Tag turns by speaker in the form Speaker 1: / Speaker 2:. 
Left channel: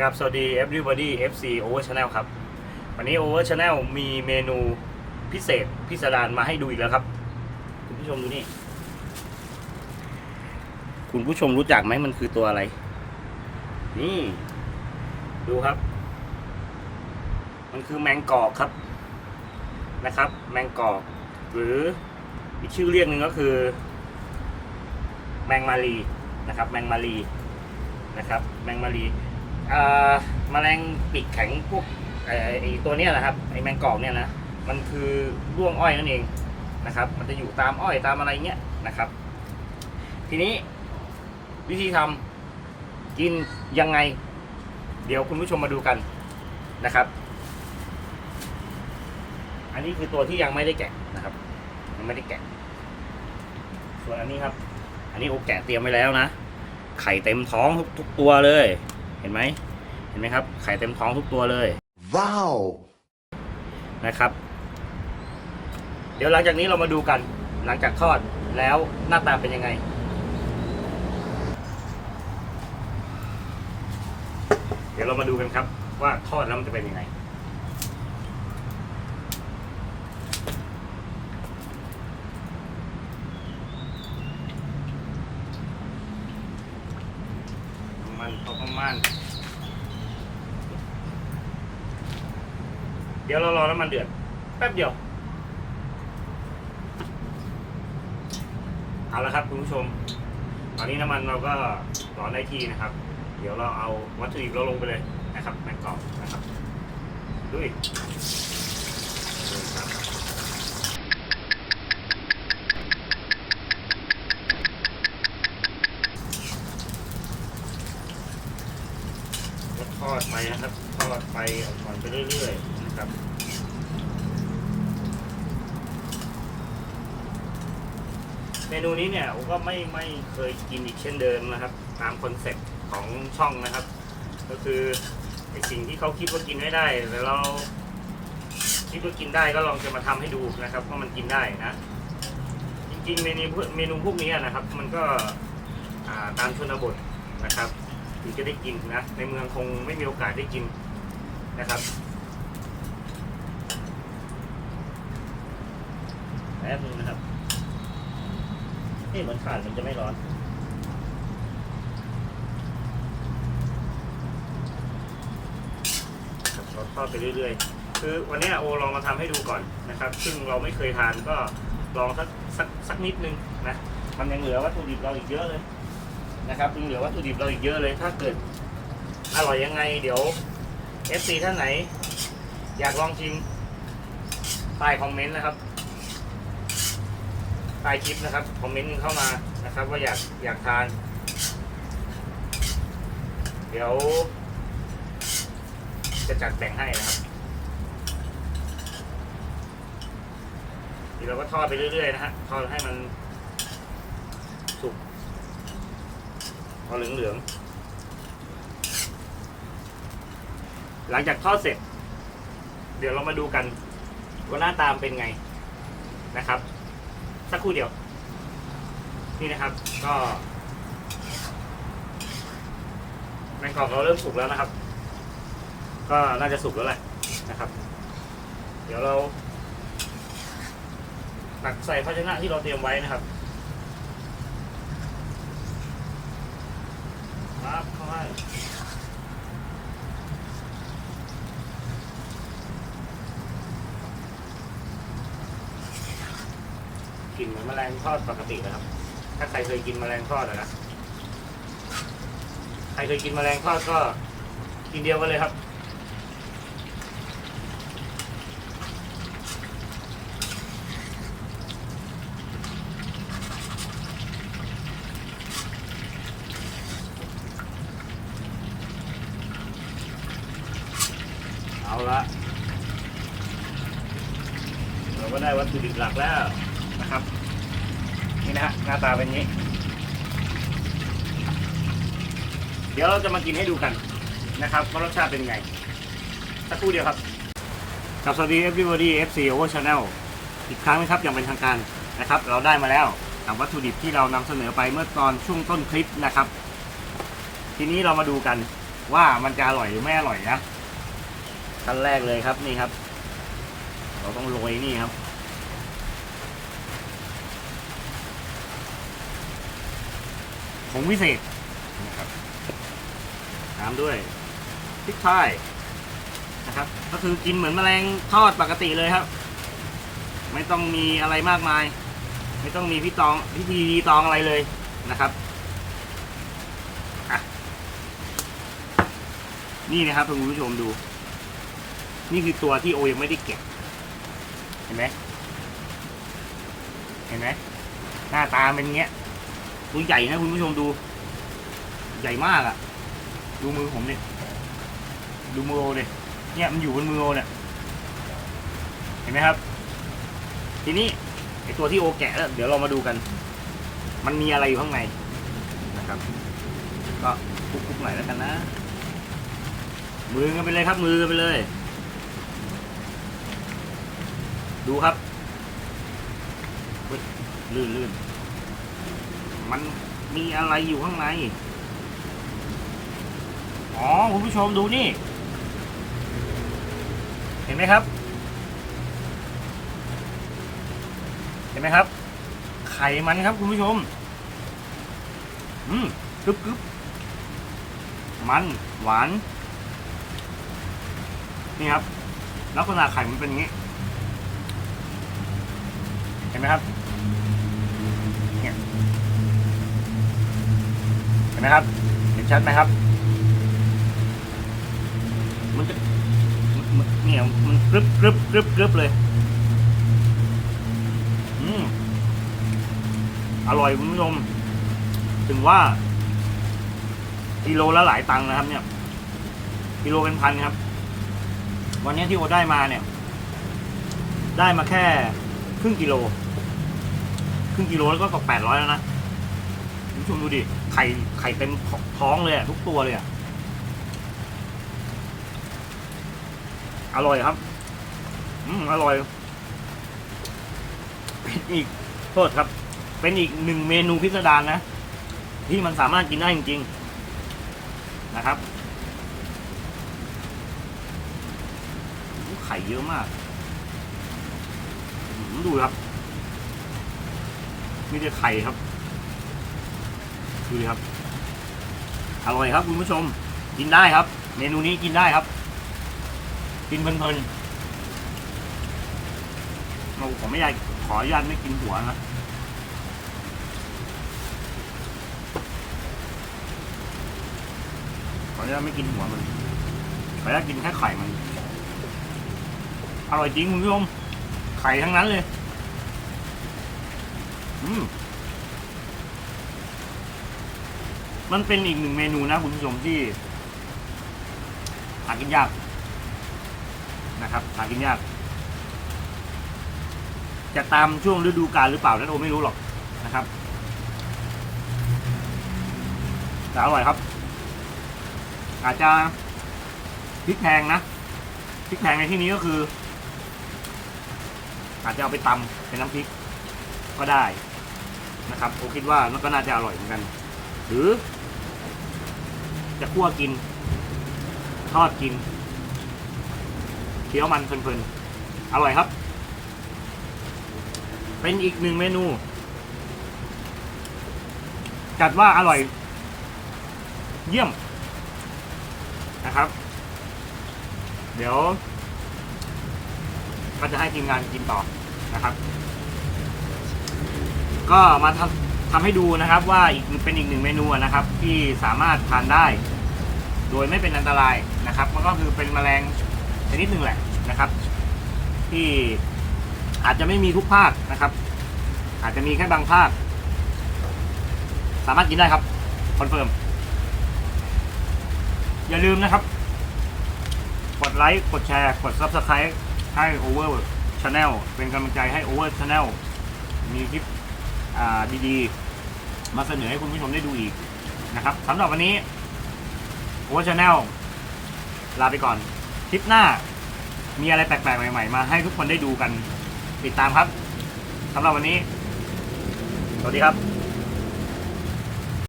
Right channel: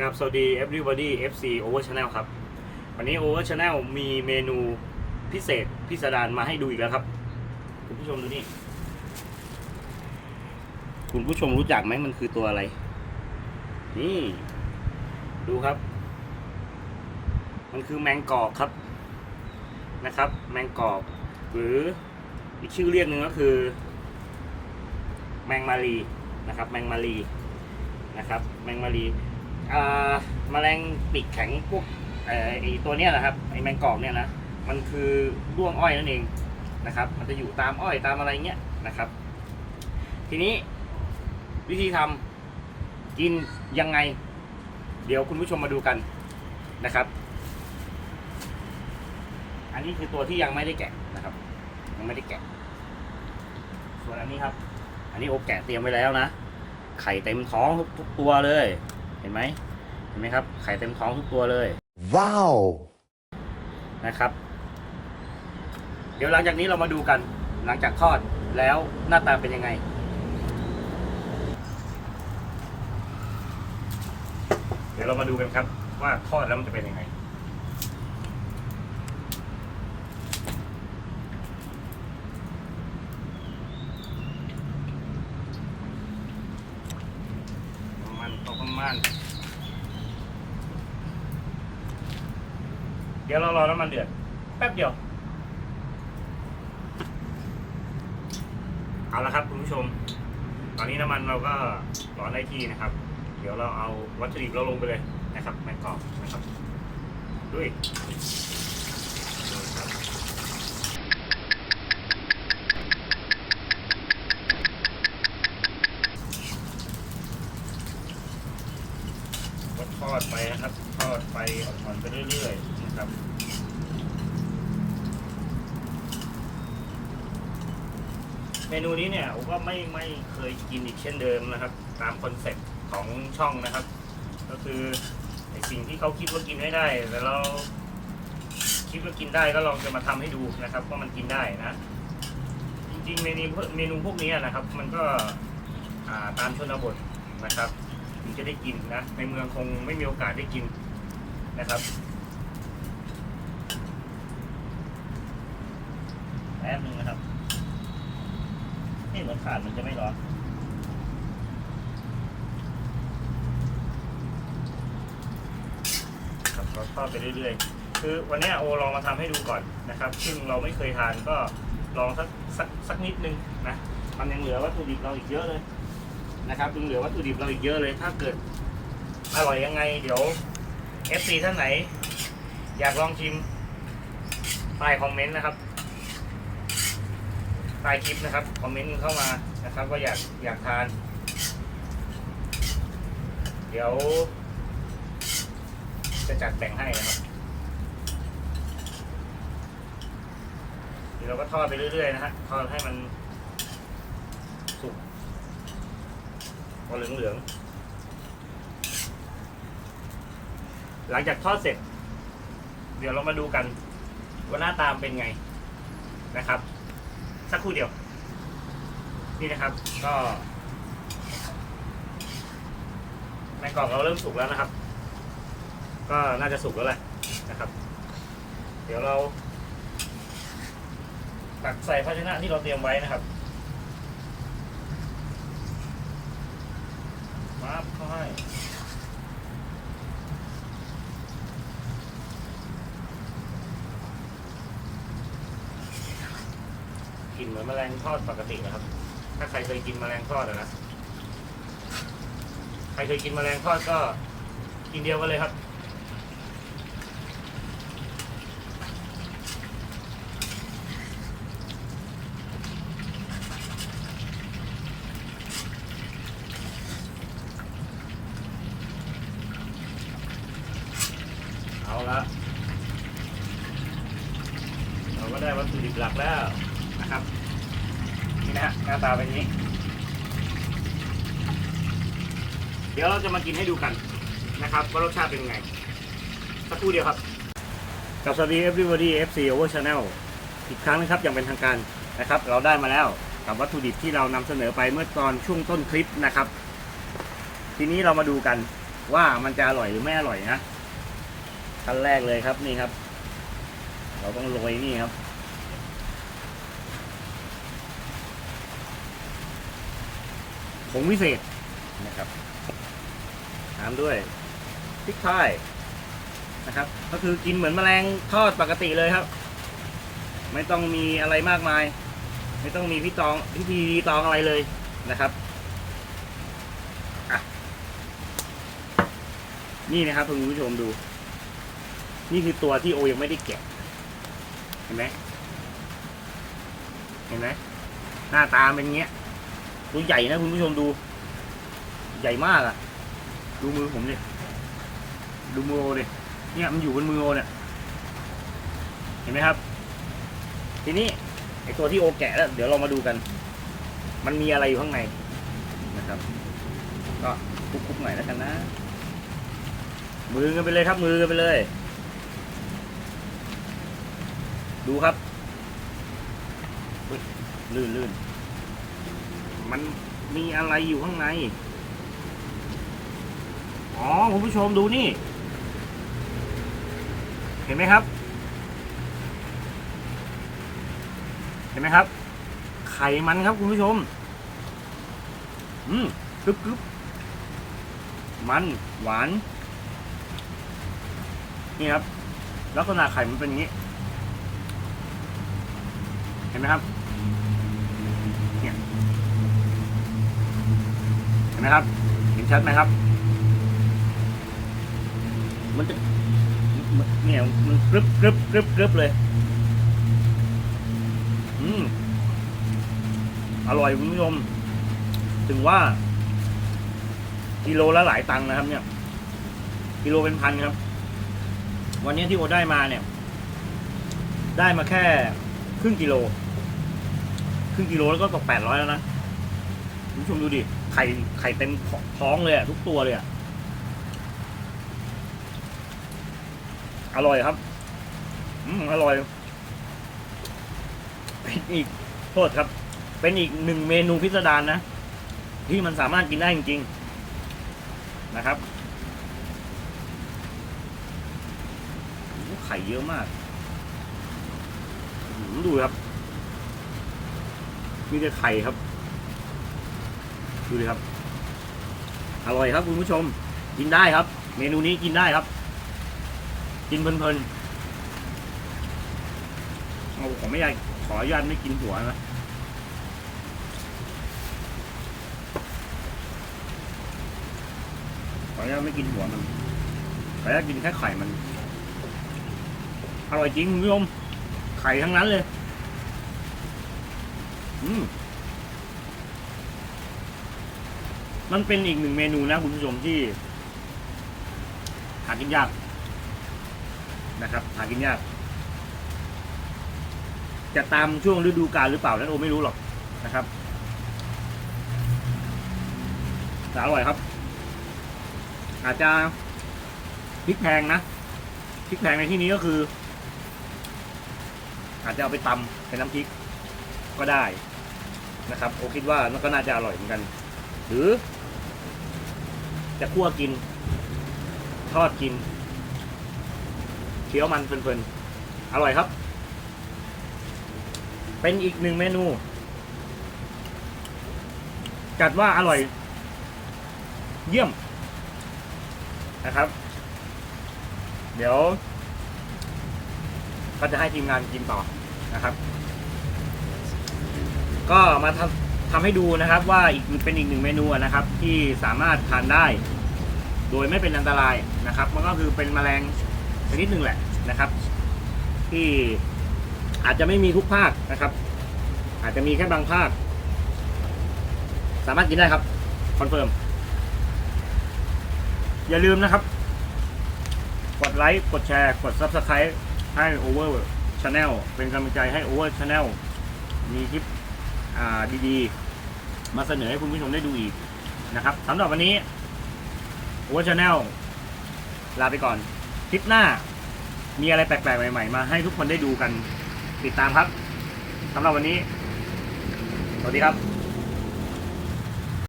Speaker 1: ครับสวัสดี everybody FC Over Channel ครับ วันนี้ Over Channel มีเมนูพิเศษพิสดารมาให้ดูอีกแล้วครับ คุณผู้ชมดูนี่ คุณผู้ชมรู้จักไหมมันคือตัวอะไร นี่ ดูครับ มันคือแมงกอกครับนะครับ แมงกอก หรืออีกชื่อเรียกหนึ่งก็คือ แมงมารีนะครับ แมงมารีนะครับ แมงมารี แมลงปีกแข็งพวกไอ้ไอ้ตัวเนี้ยนะครับไอแมงกอกเนี่ยนะมันคือร่วงอ้อยนั่นเองนะครับ มันจะอยู่ตามอ้อยตามอะไรเงี้ยนะครับ ทีนี้วิธีทำกินยังไง เดี๋ยวคุณผู้ชมมาดูกันนะครับ อันนี้คือตัวที่ยังไม่ได้แกะนะครับ ยังไม่ได้แกะ ส่วนอันนี้ครับ อันนี้โอแกะเตรียมไว้แล้วนะไข่เต็มท้องทุกตัวเลย เห็นไหมเห็นไหมครับ ไข่เต็มท้องทุกตัวเลย
Speaker 2: Wow!
Speaker 1: นะครับ เดี๋ยวหลังจากนี้เรามาดูกัน หลังจากทอดแล้วหน้าตาเป็นยังไง เดี๋ยวเรามาดูกันครับว่าทอดแล้วมันจะเป็นยังไง มันเขาประมาณ เดี๋ยวเรารอน้ำมันเดือด แป๊บเดียว เอาละครับคุณผู้ชม ตอนนี้น้ำมันเราก็ร้อนได้ที่นะครับ เดี๋ยวเราเอาวัตถุดิบเราลงไปเลยนะครับในกล่องนะครับด้วยก็ทอดไปนะครับ ทอดไปอ่อนๆไปเรื่อยๆนะครับ เม นูนี้เนี่ยผมก็ไม่ไม่เคยกินอีกเช่นเดิมนะครับ ตามคอนเซ็ปต์ของช่องนะครับ ก็คือไอสิ่งที่เขาคิดว่ากินไม่ได้แต่เราคิดว่ากินได้ก็ลองจะมาทำให้ดูนะครับว่ามันกินได้นะจริงๆเมนูเมนูพวกนี้นะครับ มันก็าตามชนบทนะครับถึงจะได้กินนะ ในเมืองคงไม่มีโอกาสได้กินนะครับแป๊บนึง นี่เหมือนขาดมันจะไม่ร้อน ครับเราทอดไปเรื่อยๆ คือวันนี้โอลองมาทำให้ดูก่อนนะครับ ซึ่งเราไม่เคยทานก็ลองสักสักสักนิดนึงนะมันยังเหลือวัตถุดิบเราอีกเยอะเลยนะครับยังเหลือวัตถุดิบเราอีกเยอะเลย ถ้าเกิดอร่อยยังไง เดี๋ยว FC ท่านไหน อยากลองชิมใต้คอมเมนต์นะครับ ใต้คลิปนะครับ คอมเมนต์เข้ามานะครับ ว่าอยากอยากทาน เดี๋ยว จะจัดแบ่งให้นะครับทีเราก็ทอดไปเรื่อยๆนะฮะทอดให้มันสุกพอเหลืองๆหลังจากทอดเสร็จ เดี๋ยวเรามาดูกันว่าหน้าตามเป็นไงนะครับ สักครู่เดียว นี่นะครับ ก็แมงกอกเราเริ่มสุกแล้วนะครับ ก็น่าจะสุกแล้วแหละนะครับ เดี๋ยวเราตักใส่ภาชนะที่เราเตรียมไว้นะครับครับเข้าให้ ลิ่นเหมือนแมลงทอดปกตินะครับ ถ้าใครเคยกินแมลงทอดนะ ใครเคยกินแมลงทอดก็กินเดียวกันเลยครับ เอาละ เราก็ได้วัตถุดิบหลักแล้วนะครับ นี่นะฮะ หน้าตาเป็นนี้ เดี๋ยวเราจะมากินให้ดูกันนะครับว่ารสชาติเป็นยังไง สักครู่เดียวครับ กับสวัสดี everybody FC over channel อีกครั้งนะครับอย่างเป็นทางการนะครับ เราได้มาแล้วกับวัตถุดิบที่เรานำเสนอไปเมื่อตอนช่วงต้นคลิปนะครับ ทีนี้เรามาดูกันว่ามันจะอร่อยหรือไม่อร่อยนะขั้นแรกเลยครับนี่ครับ เราต้องโรยนี่ครับ ผงวิเศษนะครับตามด้วยพริกไทยนะครับ ก็คือกินเหมือนแมลงทอดปกติเลยครับ ไม่ต้องมีอะไรมากมาย ไม่ต้องมีพี่ตองพี่พีตองอะไรเลยนะครับนี่นะครับคุณผู้ชมดู นี่คือตัวที่โอยังไม่ได้แกะเห็นไหมเห็นไหมหน้าตาเป็นเงี้ย ตัวใหญ่นะคุณผู้ชมดู ใหญ่มากอะ่ะดูมือผมเนี่ยดูมือโอเนี่ยเนี่ยมันอยู่บนมือโอเนี่ยเห็นไหมครับ ทีนี้ไอตัวที่โอแกะแล้วเดี๋ยวเรามาดูกัน มันมีอะไรอยู่ข้างในนะครับ ก็คุกๆหน่อยแล้วกันนะ มือกันไปเลยครับ มือกันไปเลย ดูครับลื่นลื่น มันมีอะไรอยู่ข้างใน อ๋อคุณผู้ชมดูนี่ เห็นไหมครับ เห็นไหมครับ ไข่มันครับคุณผู้ชม อืมกรึบกรึบมันหวาน นี่ครับ ลักษณะไข่มันเป็นอย่างนี้ เห็นไหมครับ เนี่ยเห็น ไหมครับ เห็นชัดไหมครับ มันจะมันมันเนี่ยมันกรึบกรึบกรึบกรึบเลย อืมอร่อยคุณผู้ชม ถึงว่า กิโลละหลายตังค์นะครับ เนี่ย กิโลเป็นพันครับ วันนี้ที่โอได้มาเนี่ย ได้มาแค่ครึ่งกิโล ครึ่งกิโลแล้วก็ตกแปดร้อยแล้วนะ คุณผู้ชมดูดิไข่ไข่เต็มท้องเลยอะทุกตัวเลยอะอร่อยครับ อืมอร่อย เป็นอีกโทษครับ เป็นอีกหนึ่งเมนูพิสดารนะ ที่มันสามารถกินได้จริงๆนะครับไข่เยอะมากดูครับ มีแต่ไข่ครับ ดูดิครับ อร่อยครับคุณผู้ชม กินได้ครับ เมนูนี้กินได้ครับ กินเพลินๆเราผมไม่อยากขออนุญาตไม่กินหัวนะขออนุญาตไม่กินหัวมันขออนุญาตกินแค่ไข่มัน อร่อยจริงคุณผู้ชม ไข่ทั้งนั้นเลย อืม มันเป็นอีกหนึ่งเมนูนะคุณผู้ชมที่ หากินยากนะครับ หากินยาก จะตามช่วงฤดูกาลหรือเปล่านั้นโอไม่รู้หรอกนะครับแต่อร่อยครับ อาจจะพริกแพงนะพริกแพงในที่นี้ก็คือ อาจจะเอาไปตำเป็นน้ำพริกก็ได้นะครับ โอคิดว่ามันก็น่าจะอร่อยเหมือนกัน หรือ จะคั่วกิน ทอดกินเคี้ยวมันเพลินๆ อร่อยครับ เป็นอีกหนึ่งเมนู จัดว่าอร่อย เยี่ยมนะครับ เดี๋ยว ก็จะให้ทีมงานกินต่อนะครับ ก็มาทำ ทำให้ดูนะครับว่าอีกเป็นอีกหนึ่งเมนูนะครับ ที่สามารถทานได้ โดยไม่เป็นอันตรายนะครับมันก็คือเป็นแมลงชนิดหนึ่งแหละนะครับ ที่อาจจะไม่มีทุกภาคนะครับ อาจจะมีแค่บางภาคสามารถกินได้ครับคอนเฟิร์มอย่าลืมนะครับ กดไลค์กดแชร์กด Subscribe ให้ Over Channel เป็นกำลังใจให้ Over Channel มีคลิป ดีๆ มาเสนอให้คุณผู้ชมได้ดูอีกนะครับสำหรับวันนี้อู๋ชาแนลลาไปก่อน คลิปหน้ามีอะไรแปลกๆ ใหม่ๆ มาให้ทุกคนได้ดูกันติดตามครับสำหรับวันนี้ สวัสดีครับ